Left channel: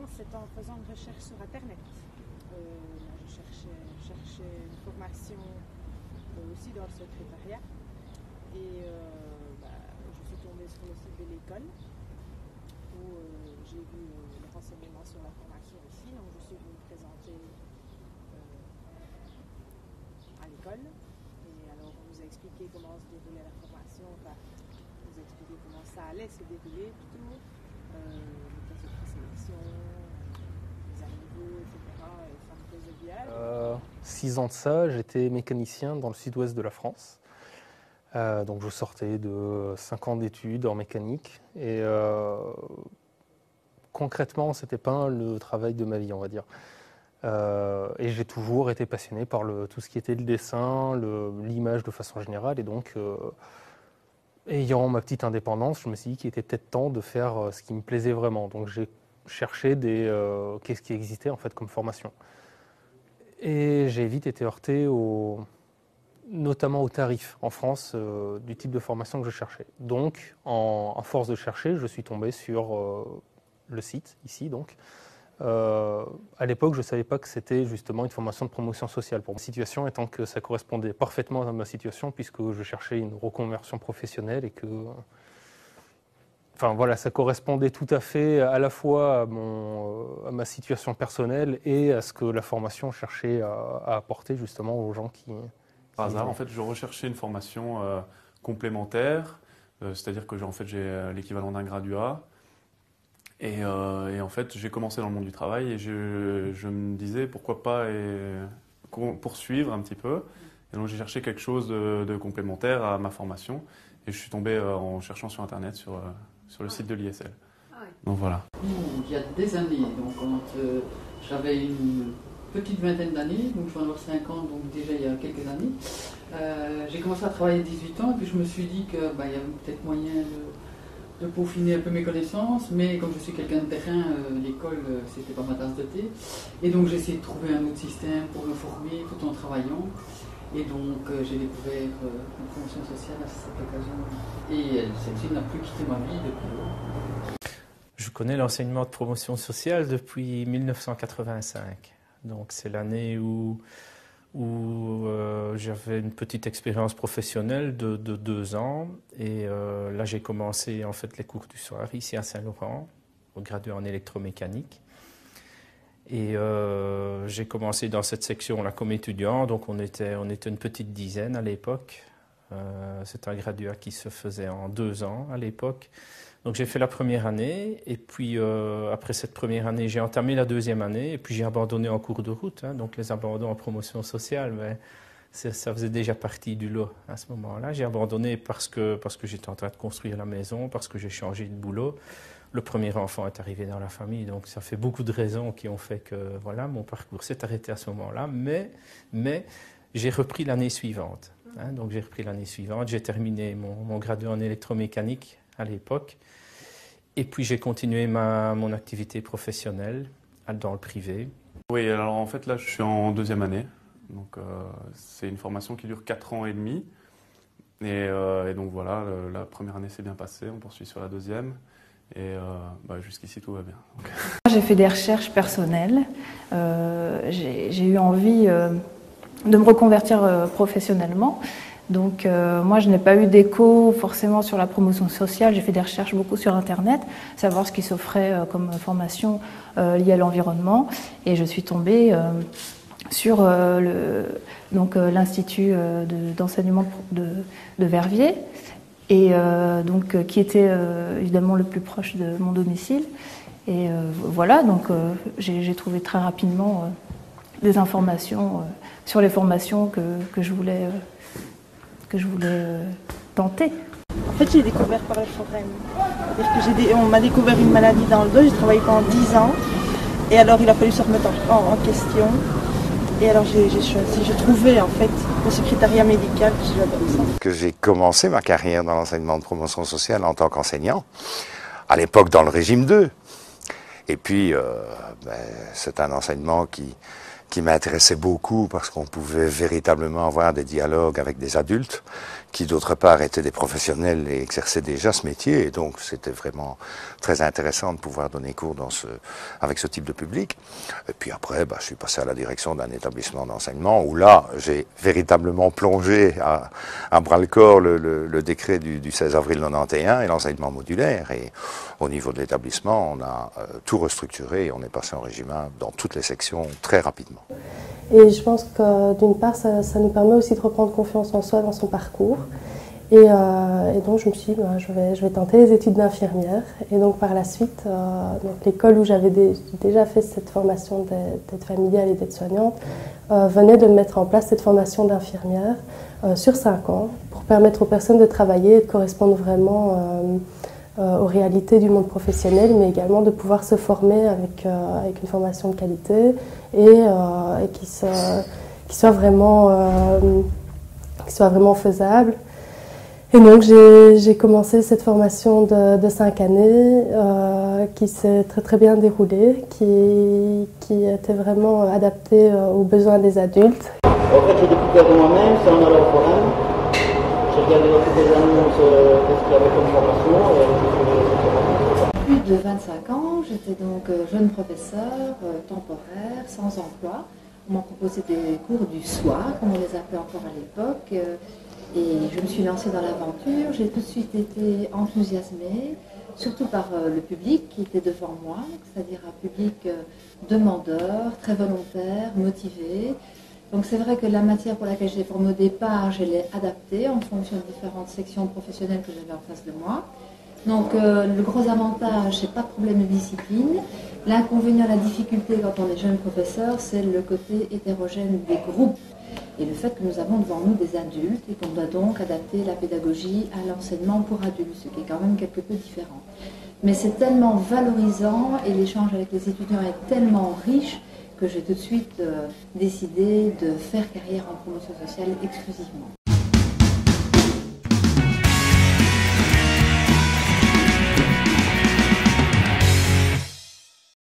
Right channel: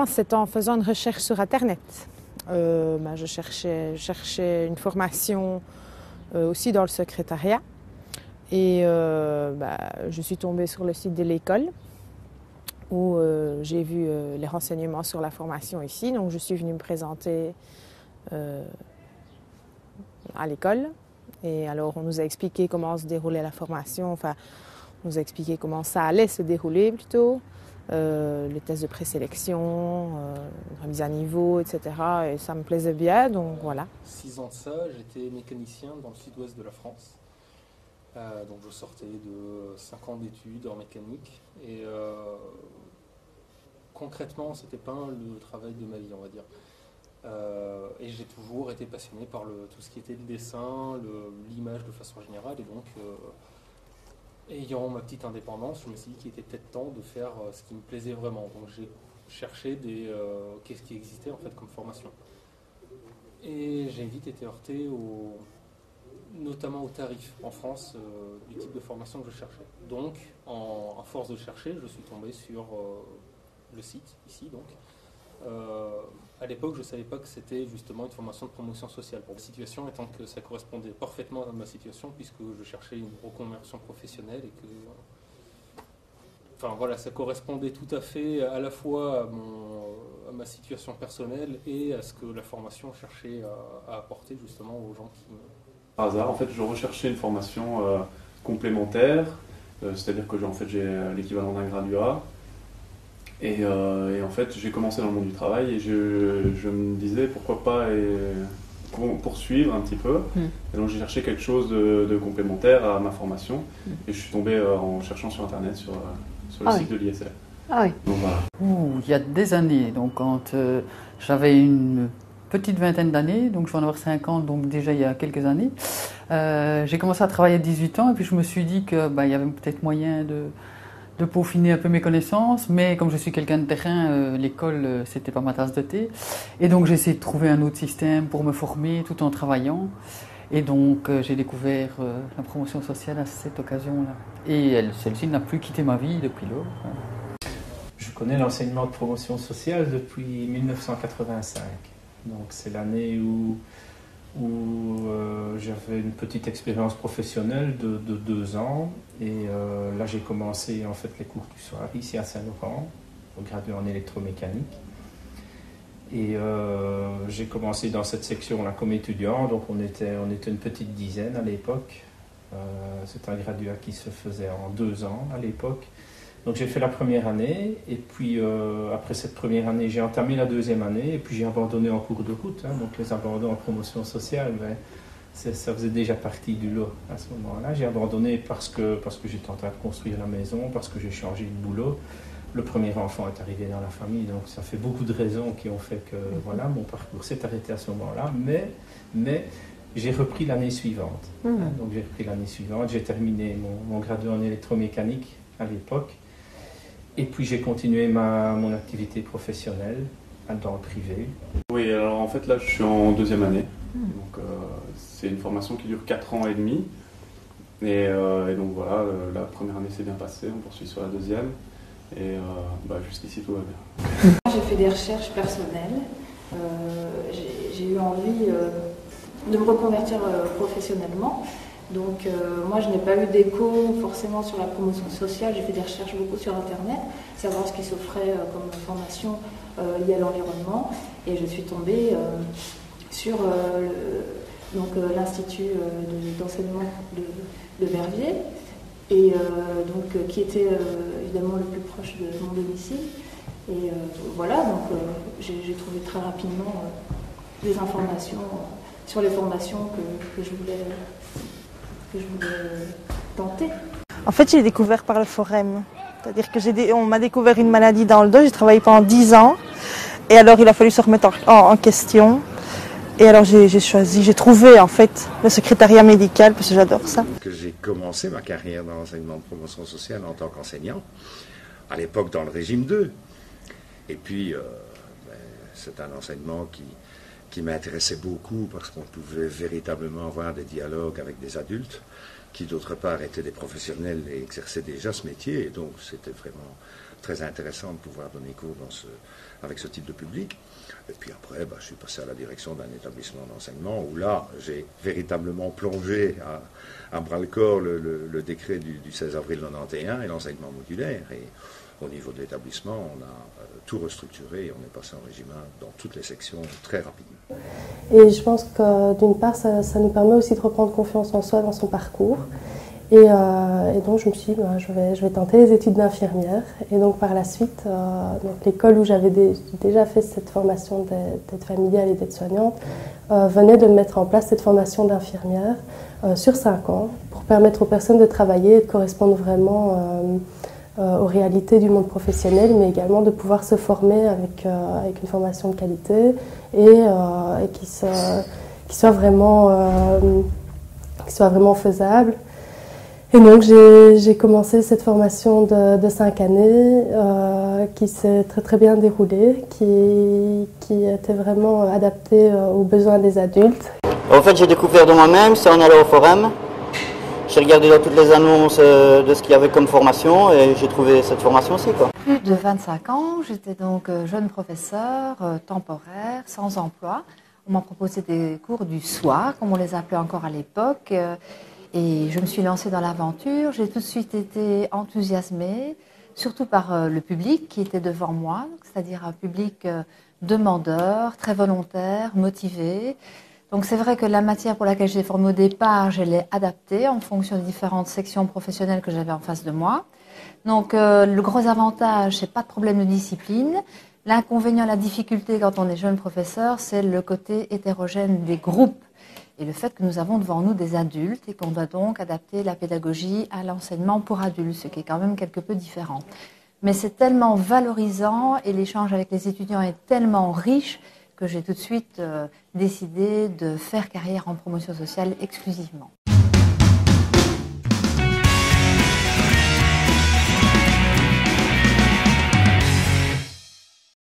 commence, c'est en faisant une recherche sur Internet. Je cherchais une formation aussi dans le secrétariat. Et je suis tombée sur le site de l'école où j'ai vu les renseignements sur la formation ici. Donc je suis venue me présenter à l'école. Et alors on nous a expliqué comment se déroulait la formation, enfin on nous a expliqué comment ça allait se dérouler plutôt, les tests de présélection, la mise à niveau, etc. Et ça me plaisait bien, donc voilà. 6 ans de ça, j'étais mécanicien dans le sud-ouest de la France. Donc je sortais de 5 ans d'études en mécanique et concrètement c'était pas le travail de ma vie, on va dire. Et j'ai toujours été passionné par tout ce qui était le dessin, l'image de façon générale et donc ayant ma petite indépendance, je me suis dit qu'il était peut-être temps de faire ce qui me plaisait vraiment. Donc j'ai cherché qu'est-ce qui existait en fait comme formation. Et j'ai vite été heurté notamment aux tarifs en France du type de formation que je cherchais. Donc, en force de chercher, je suis tombé sur le site, ici donc. À l'époque, je ne savais pas que c'était justement une formation de promotion sociale pour ma situation, étant que ça correspondait parfaitement à ma situation, puisque je cherchais une reconversion professionnelle et que... Enfin voilà, ça correspondait tout à fait à la fois à ma situation personnelle et à ce que la formation cherchait à apporter justement aux gens qui... Par hasard, en fait, je recherchais une formation complémentaire, c'est-à-dire que j'ai l'équivalent d'un graduat. Et en fait, j'ai commencé dans le monde du travail et je me disais pourquoi pas poursuivre un petit peu. Et donc j'ai cherché quelque chose de complémentaire à ma formation et je suis tombé en cherchant sur Internet, sur le site de l'ISL. Ah oui. Donc voilà. Il y a des années, donc quand j'avais une petite vingtaine d'années, donc je vais en avoir 50, donc déjà il y a quelques années, j'ai commencé à travailler à 18 ans et puis je me suis dit qu'il y avait peut-être moyen de peaufiner un peu mes connaissances, mais comme je suis quelqu'un de terrain, l'école c'était pas ma tasse de thé, et donc j'ai essayé de trouver un autre système pour me former tout en travaillant, et donc j'ai découvert la promotion sociale à cette occasion-là, et celle-ci n'a plus quitté ma vie depuis lors. Je connais l'enseignement de promotion sociale depuis 1985, donc c'est l'année où j'avais une petite expérience professionnelle de 2 ans et là j'ai commencé en fait les cours du soir ici à Saint-Laurent, au graduat en électromécanique et j'ai commencé dans cette section-là comme étudiant, donc on était une petite dizaine à l'époque. C'est un graduat qui se faisait en 2 ans à l'époque. Donc j'ai fait la première année et puis après cette première année j'ai entamé la deuxième année et puis j'ai abandonné en cours de route, donc les abandons en promotion sociale, mais ça faisait déjà partie du lot à ce moment-là. J'ai abandonné parce que j'étais en train de construire la maison, parce que j'ai changé de boulot. Le premier enfant est arrivé dans la famille, donc ça fait beaucoup de raisons qui ont fait que voilà, mon parcours s'est arrêté à ce moment-là, mais j'ai repris l'année suivante. Donc j'ai repris l'année suivante, j'ai terminé mon graduat en électromécanique à l'époque. Et puis j'ai continué mon activité professionnelle dans le privé. Oui, alors en fait là je suis en deuxième année. Donc c'est une formation qui dure 4 ans et demi. Et donc voilà, la première année s'est bien passée, on poursuit sur la deuxième. Et jusqu'ici tout va bien. J'ai fait des recherches personnelles. J'ai eu envie de me reconvertir professionnellement. Donc moi je n'ai pas eu d'écho forcément sur la promotion sociale, j'ai fait des recherches beaucoup sur Internet, savoir ce qui s'offrait comme formation liée à l'environnement et je suis tombée sur l'Institut d'enseignement de Verviers et qui était évidemment le plus proche de mon domicile et voilà, donc j'ai trouvé très rapidement des informations sur les formations que je voulais tenter. En fait, j'ai découvert par le forum. C'est-à-dire que on m'a découvert une maladie dans le dos, j'ai travaillé pendant 10 ans. Et alors, il a fallu se remettre en question. Et alors, j'ai trouvé en fait le secrétariat médical, parce que j'adore ça. J'ai commencé ma carrière dans l'enseignement de promotion sociale en tant qu'enseignant, à l'époque dans le régime 2. Et puis, c'est un enseignement qui m'intéressait beaucoup parce qu'on pouvait véritablement avoir des dialogues avec des adultes qui d'autre part étaient des professionnels et exerçaient déjà ce métier, et donc c'était vraiment très intéressant de pouvoir donner cours avec ce type de public. Et puis après, je suis passé à la direction d'un établissement d'enseignement où là, j'ai véritablement plongé à bras-le-corps le décret du 16 avril 91 et l'enseignement modulaire. Et au niveau de l'établissement, on a tout restructuré et on est passé en régime 1 dans toutes les sections très rapidement. Et je pense que d'une part, ça nous permet aussi de reprendre confiance en soi dans son parcours. Et donc je me suis dit, je vais tenter les études d'infirmière. Et donc par la suite, l'école où j'avais déjà fait cette formation d'aide familiale et d'aide-soignante venait de mettre en place cette formation d'infirmière sur 5 ans pour permettre aux personnes de travailler et de correspondre vraiment aux réalités du monde professionnel, mais également de pouvoir se former avec une formation de qualité et qui soit vraiment faisable. Et donc j'ai commencé cette formation de 5 années qui s'est très très bien déroulée, qui était vraiment adaptée aux besoins des adultes. En fait, j'ai découvert de moi-même, c'est en allant au forum. J'ai regardé dans toutes les annonces de ce qu'il y avait comme formation et j'ai trouvé cette formation aussi. Plus de 25 ans, j'étais donc jeune professeur temporaire, sans emploi. On m'a proposé des cours du soir, comme on les appelait encore à l'époque. Et je me suis lancée dans l'aventure. J'ai tout de suite été enthousiasmée, surtout par le public qui était devant moi, c'est-à-dire un public demandeur, très volontaire, motivé. Donc c'est vrai que la matière pour laquelle j'ai formé au départ, je l'ai adaptée en fonction des différentes sections professionnelles que j'avais en face de moi. Donc le gros avantage, c'est pas de problème de discipline. L'inconvénient, la difficulté quand on est jeune professeur, c'est le côté hétérogène des groupes et le fait que nous avons devant nous des adultes et qu'on doit donc adapter la pédagogie à l'enseignement pour adultes, ce qui est quand même quelque peu différent. Mais c'est tellement valorisant et l'échange avec les étudiants est tellement riche que j'ai tout de suite décidé de faire carrière en promotion sociale exclusivement.